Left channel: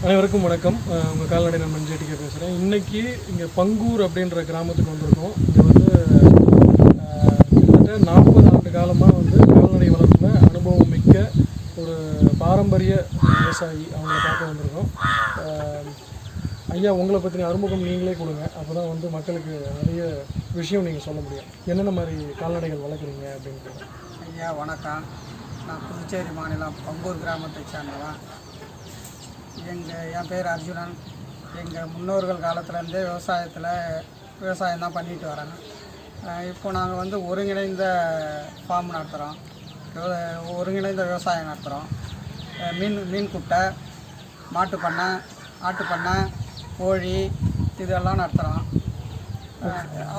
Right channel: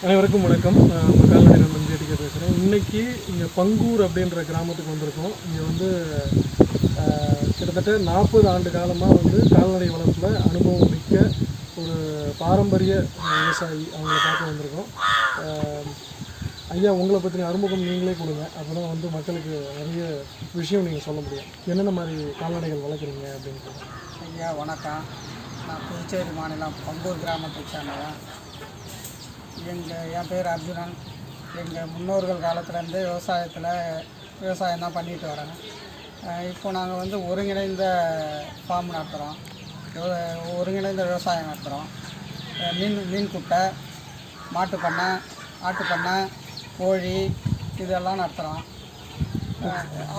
அனைவருக்கும் வணக்கம். உங்கள் கால்நடை நான் மஞ்சேட்டிக்க பேசுகிறேன். இன்றைக்கி இங்கே பங்கூர் அப்படின்ற கிராமத்துக்கு வந்திருக்கோம். இங்கே வந்து கிட்டத்தட்ட 40 ஆண்டு காலமாக வந்து கால்நடை வளர்ப்பில் அனுபவம் மிக்க ஒரு பாரம்பரிய விவசாயி அவங்கள பார்க்க வந்திருக்கோம். ஐயா, உங்களை பற்றின அறிமுகம் நீங்களே கொடுங்க. அப்போ தான் வந்து மக்களுக்கு நிறைய விஷயம் நீங்கள் சொல்ல முடியும். என்னென்ன மாதிரி கால்நடைகள் வளர்க்குறீங்க அப்படின்னு. ஐயா வணக்கம். நான் புதுச்சேரி மாநிலம் பங்கூர் கிராமத்தை சேர்ந்தவன். என் பேர் அர்ஜுனன். எங்கள் முன்னோர்கள் காலத்துலேருந்தே விவசாயம் தான் பண்ணிட்டு வராங்க. இப்போ நாங்கள் வந்து ஒருங்கிணைந்த ஃபார்ம் நடத்துகிறோம், ஒருங்கிணைந்த விவசாயம் நடத்துகிறோம். மீன் குட்டை, மாட்டு பண்ணை, ஆட்டு பண்ணை, கோழி இதெல்லாம் நடத்துகிறோம்.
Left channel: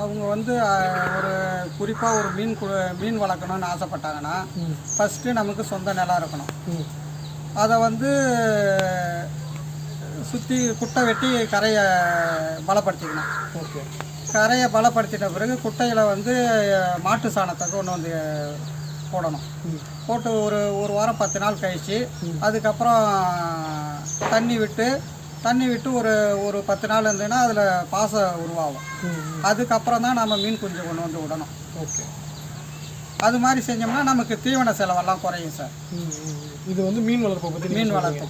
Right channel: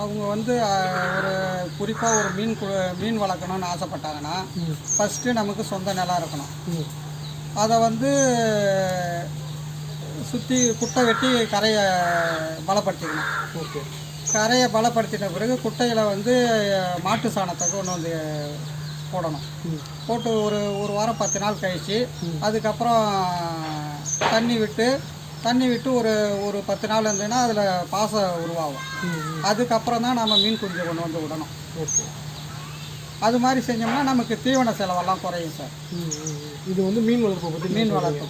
அவங்க வந்து ஒரு குறிப்பாக ஒரு மீன் வளர்க்கணும்னு ஆசைப்பட்டாங்கன்னா ஃபஸ்ட்டு நமக்கு சொந்த நிலம் இருக்கணும். அதை வந்து சுற்றி குட்டை வெட்டி கரையை பலப்படுத்திக்கணும். ஓகே. கரையை பலப்படுத்தின பிறகு குட்டையில் வந்து மாட்டு சாணத்தை கொண்டு வந்து போடணும். போட்டு ஒரு வாரம் 10 நாள் கழித்து அதுக்கப்புறம் தண்ணி விட்டு ஒரு 10 நாள் இருந்ததுன்னா அதில் பாசம் உருவாகும். அதுக்கப்புறம் தான் நம்ம மீன் குஞ்சு கொண்டு வந்து விடணும். ஓகே. அது மாதிரி செஞ்சோம்னா நமக்கு தீவன செலவெல்லாம் குறையும் சார். இது வந்து மீன் வளர்ப்பை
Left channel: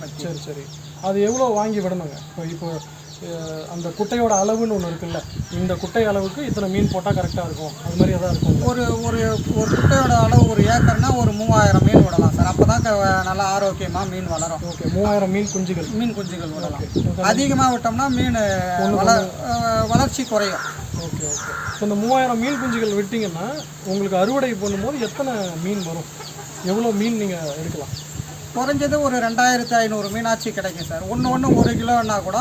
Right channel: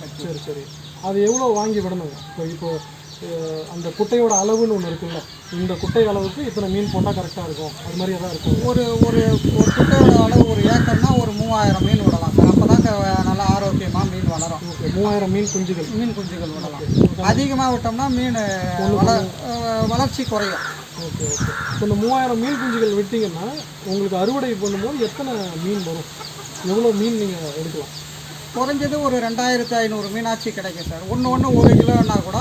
பற்றி. சரி. அது எவ்வளோ வாங்கி விடணுங்க? இப்போ அந்த குட்டையோட அளவுன்னு ஒன்று இருக்குல்ல, இந்த குட்டை அளவுக்கு இத்தனை மீன் போட்டால் கரெக்டாக இருக்கும், அது மாதிரி எதாவது இருக்கும்? ஒரு குட்டையோட அளவு 1 ஏக்கர்னா ஒரு 3000 மீன் விடலாம் சார். அப்போ தான் நல்லா ஆரோக்கியமாக மீன் வளரும். ஓகே. 3000 மீன் குஞ்சுகள் விடலாம். அதிகமாக விட்டோம்னா மீன் வளர்ச்சி குறையும். ஓகே. இப்போ இந்த 3000 மீன் குஞ்சுகள் விட்டிங்கன்னா உங்களுக்கு அறுவடை பண்ணும்போது எத்தனை மீன் வரும்? எவ்வளோ மீன் நீங்கள் எடுக்கலாம்? குறைஞ்சது ஒரு 2500 மீனாட்சி கிடைக்கும் சார். ஒன்று 1 கிலோன்னா கூட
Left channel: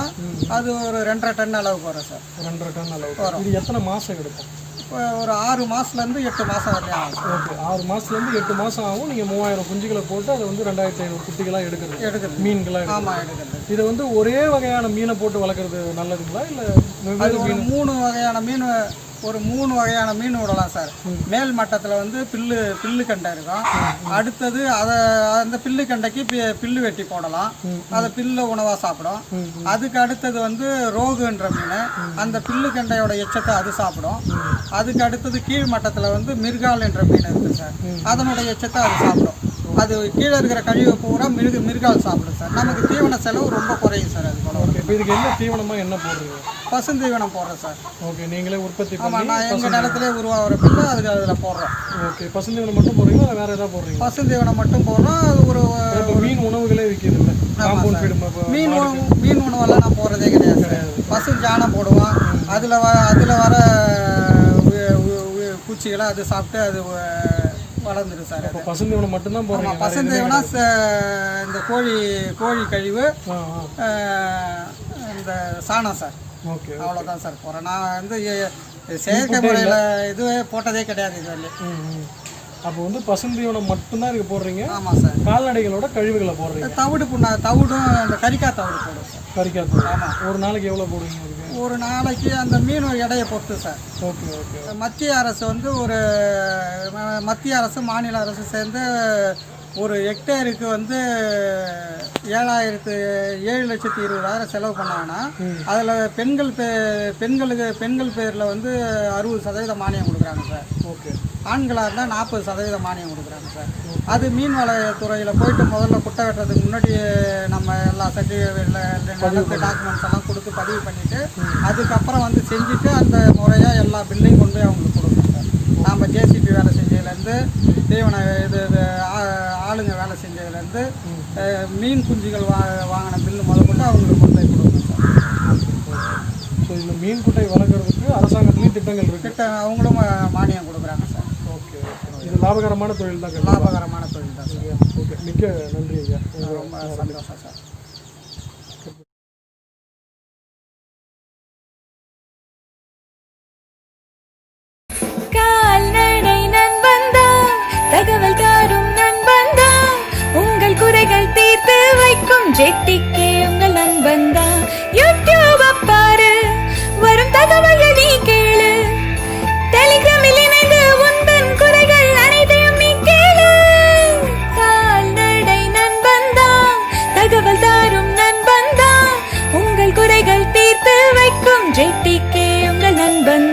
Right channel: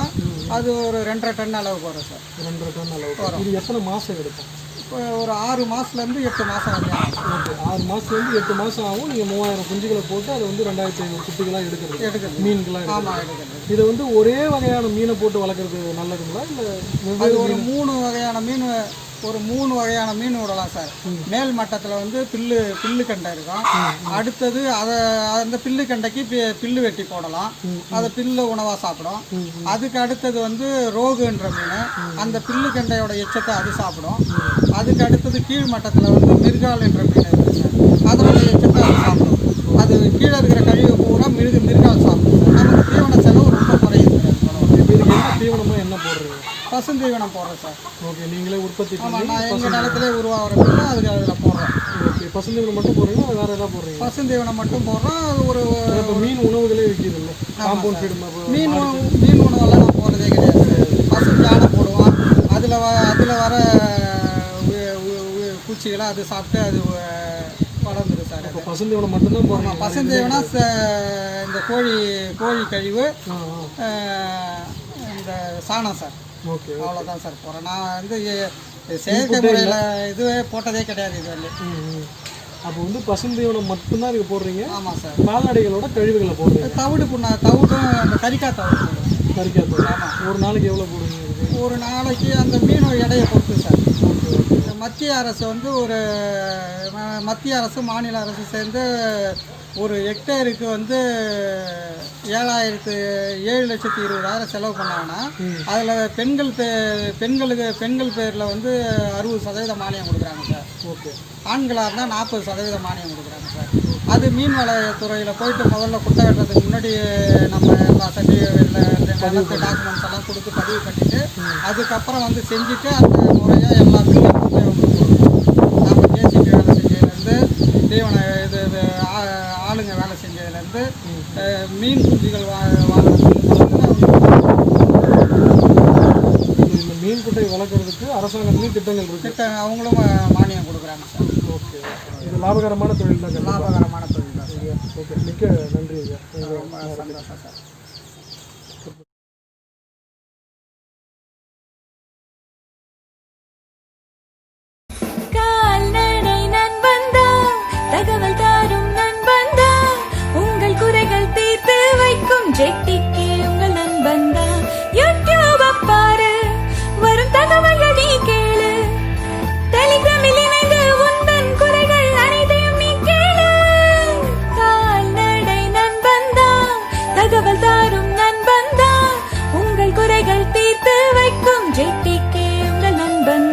அது ஒரு 2.5 டன் அளவுக்கு வரும் சார். 2.5 டன் அளவுக்கு வரும். இது எத்தனை மாதம் எடுக்கும்? இப்போ ஒரு 6 மாதத்துலேருந்து 8 மாதம் வரையும் ஆகும். ஓகே. 6 மாதத்துலேருந்து 8 மாதம் ஆகும். நீங்கள் 3000 குஞ்சுகளை போட்டு அதை வந்து 2500 குட்டிகளாக எடுக்கிறது மீன்களாக. ஆமாம், எடுக்கிறது. இது வந்து ஒரே வகையான மீனை போட்டு வளர்க்குறது நல்லதுங்களா, இல்லை அது ஒரு 3 வகையான மீன் விடலாம் சார். மேல் மட்டத்தில் வந்து பில்லு கண்டை இருக்கும். அடுத்தது அந்த பில்லு கண்டைக்கு பில்லு வெட்டி போடலாம். அதை பில்லு உணவாக சாப்பிடும். அதுக்கு அடுத்தது வந்து ரோகுன்ற மீன், அந்த பில்லு கண்டையோட எச்சத்தை அது சாப்பிடும். அதுக்கு அடுத்தது கீழ் மட்டத்தில் வந்து மிருகால் என்ற மீன் இருக்குது சார். அதனோட எச்சத்தை அது சாப்பிடும். அது கீழே இருக்கிற கழிவு பூரா மிருகால் சாப்பிடும் சார். நமக்கு தீவன செலவு ரொம்ப குறையும் சார். அது போல. இப்போ இதுக்கு என்ன தீவனமாக என்ன போடுறீங்க? பசுந்தீவனம் போடுறோம் சார். ஓகே. நீங்களே உற்பத்தி? ஆமாம், நான் எங்கள் நிலத்திலே உருவாகிற பில்லு அதில் போடுறோம். ஓகே. பசுந்தீவனம் மட்டும் போடுறீங்களா, வேறு ஏதாவது போடுறீங்க? பசுந்தீவனம் மட்டும் போடுறோம். அது ஒரு மீன் உணவுகளே விற்கிறது இல்லை. மீன் உணவெல்லாம் நான் போடுறதே கிடையாது சார். பசு சாணம் போடுவோம். அதில் வர பூச்சிகளை அது சாப்பிட்டு அது வளர்ந்துடும் சார். அது பசுந்தீவனம் மட்டும்தான் போடுறோம். பசுந்தீவனா இந்த கோழி கழிவு, இந்த சாணம் சார். ஓகே. அவ்வளோதான் சார் போகிறேன். நான் வந்து செயற்கை முறையில் இதுவே போட்டதே கிடையாது இது வரலையும். அப்போ வந்து பசுந்தீவனம் மட்டும்தான் இதுக்கு போடுறீங்க? ஆமாம் சார். கால்நடைகளோட கழிவுகளை போடுறீங்க? தவிடும் அந்த கறிக்காய் தவிடு போடுவோம் சார். கறிக்காய் தவிடு. ஆமாம். ஒரு நாளைக்கு எவ்வளோ போடுவீங்க? ஒரு நாளைக்கு அந்த மீன் எடையை பொறுத்து சார். ஓகே. மத்திய அரசு வந்து மத்திய அரசு மாநில அரசு சேர்ந்து ஒரு ஹெக்டேருக்கு வந்து 7,20,000 செலவு பண்ணாங்கன்னா அதில் பெண்கள் பேரில் வந்து 60% மானியம் கொடுக்குறாங்க சார். ஓகே. ஆண்களாக இருந்தால் 40% மானியம் கொடுக்குறாங்க சார். அது மீன்வளத்துறையில் போயிட்டு முதல்ல குட்டை வெட்டுறதுக்கு முன்னாடி நம்ம எல்லா சர்டிஃபிகேட்டில் டாக்குமெண்ட்ஸ் எல்லாம் கொடுத்து பதிவு பண்ணிவிட்டு அதுக்கப்புறம் வந்து செஞ்சுட்டு அந்த முறையாக எல்லா பில்லையும் கொண்டு போய் அவங்களுக்கு கொடுக்கணும். நாம் ஜேசிபி வேலை செஞ்சதுலேருந்து தீவன ஆளுங்க வேலை செஞ்சதுலேருந்து மீன் குஞ்சுகள் வாங்கின பில்லு முதல்ல அவங்க இந்த மீன் குட்டை வளர்க்குறதுக்கு அரசாங்கத்துலேயும் திட்டங்கள் இருக்குது. அவங்களும் மானியம் கொடுக்குறாங்க சார். ஓகே. இது லாபகரமான தொழில் தான். லாபகரமான தொழில் தான் சார். ஓகே. மிக்க நன்றி ஐயா. ரொம்ப சந்தோஷம் சார். தகவல் தாரும் நண்பந்தா, உங்கள் குறைகள் தீர்த்து வைக்கும் ஜெட்டிக்கு உங்கள் நண்பந்தா. யூடியூப் பாரு, வரும் தகவல்கள் நீ கேளு. டெலிகிராமில் இணைந்து உந்தன் குறைகள் அனைத்தையும் நீ கேளு. கால்நடை நண்பந்தா, தகவல் தாரும். ஜெட்டிக்கே உங்கள் நண்பன்